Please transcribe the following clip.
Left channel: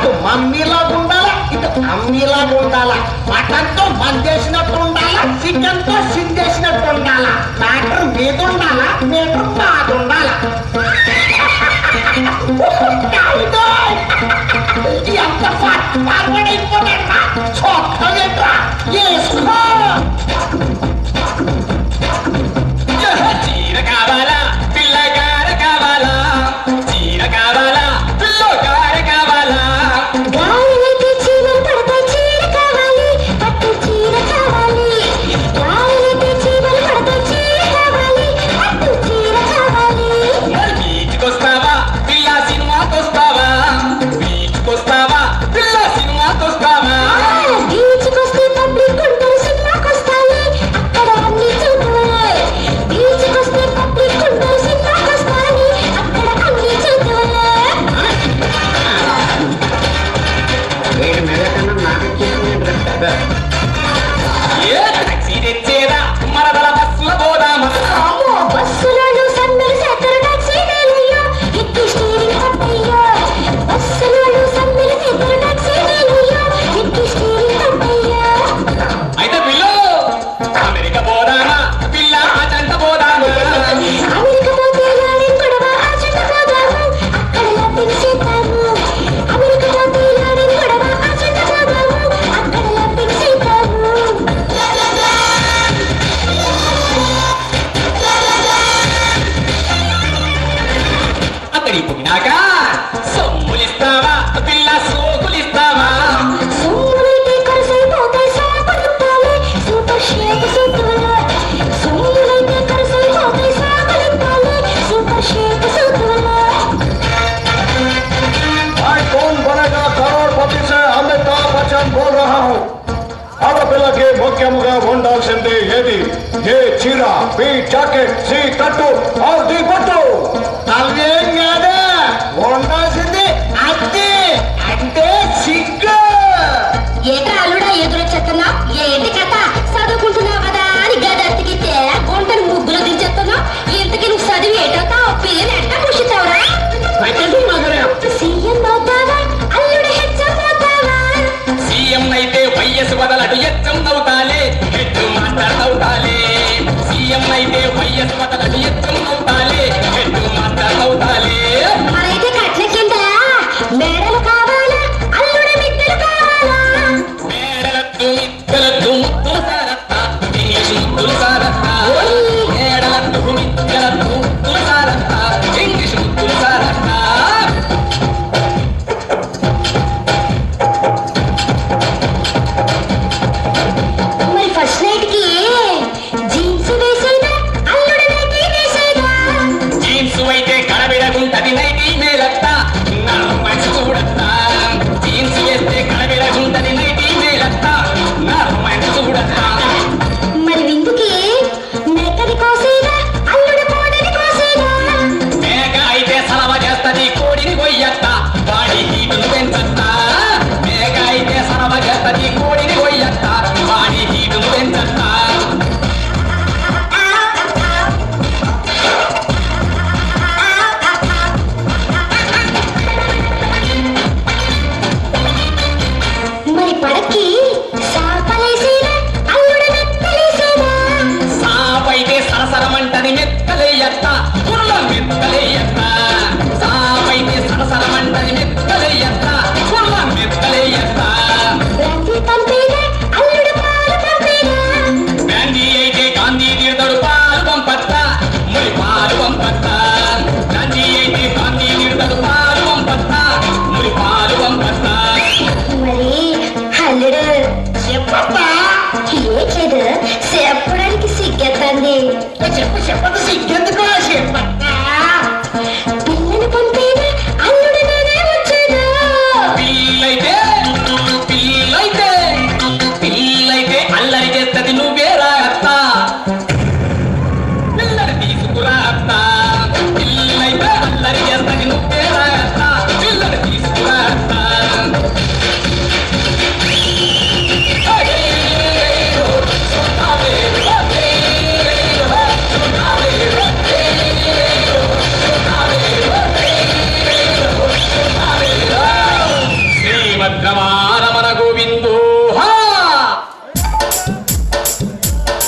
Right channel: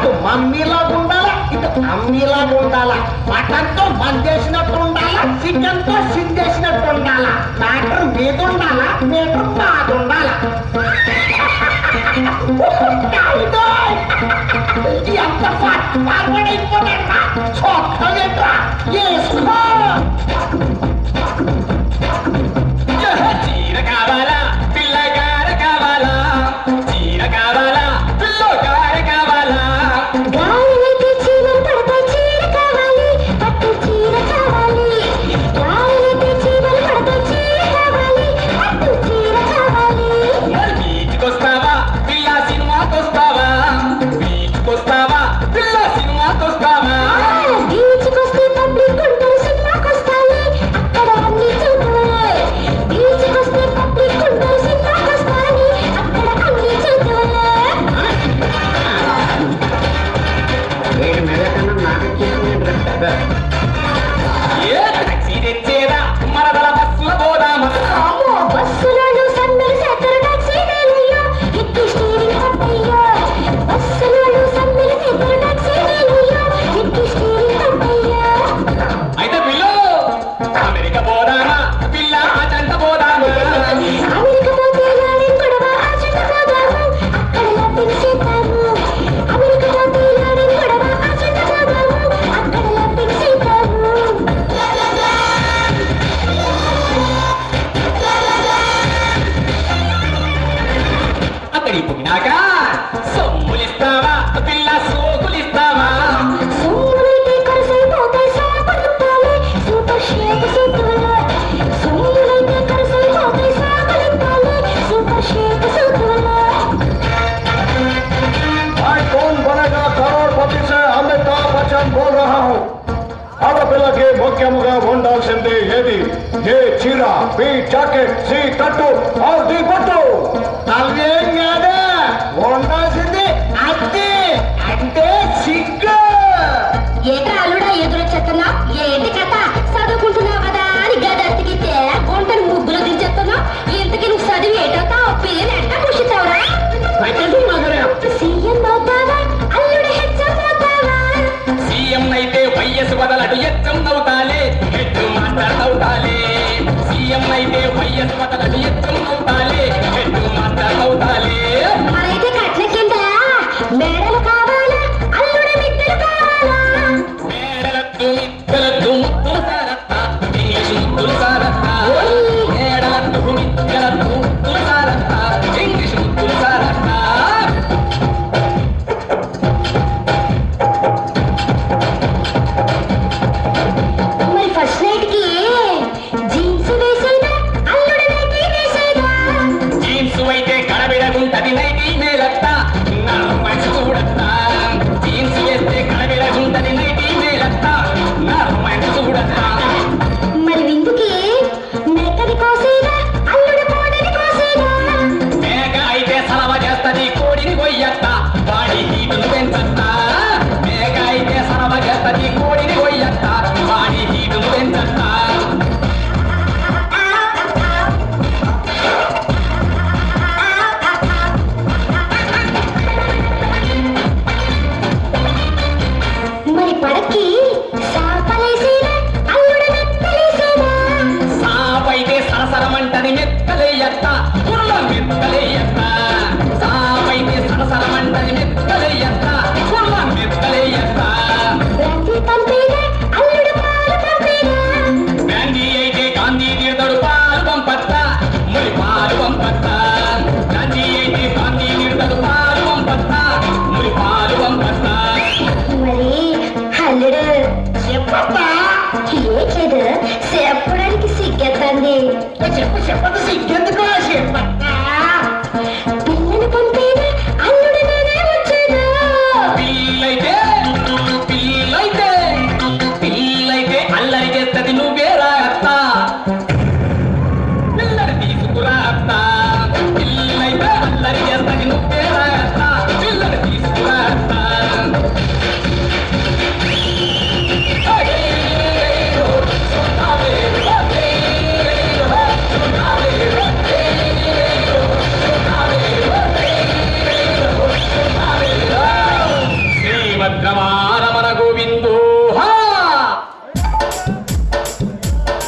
అటు మమ్మీలాగా ఉండాలా ఇటు అమ్మీలాగా ఉండాలా మటన్తో మందేసినట్టు ఉండాలా చికెన్తో సిందేసినట్టు ఉండాలా మ్యాటర్ మీద ఉండాలా మీటర్ నాది ఉండాలా ఎంత ఫార్వర్డ్ అయిపోతాడా చొక్కగా వేసుకో ముఖ్యముగా ఉండాల్సింది ఏది ఏ చీర బి జాకెట్ సి కట్టు ఆర్ ది పట్టు అవేం కాదా ఉండాల్సింది అదే అంటే సిగ్గు ఏటా అల్లుడా ఎదురొచ్చేస్తున్నా ఏంటి కథ చదువుకుంటున్నావు కదా అని గదెత్తికితే గుంటను ముగ్గులు దించేస్తున్నావు ఇంతకి నువ్వు చదివి ఏటవుతావు పిల్లని ఎట్టా పుషిస్తావురా సీఎం అవుతావా అల్లుడు హెచ్చం అవుతావా సీఎం అయితే వైఎస్ బదలటు ఎచ్చం అవుతాలే హెడ్ మాస్టర్ అవుతాలే సీఎం అయితే వైఎస్ బదలటు ఎచ్చం అవుతాలే రమారమణ గోవిందో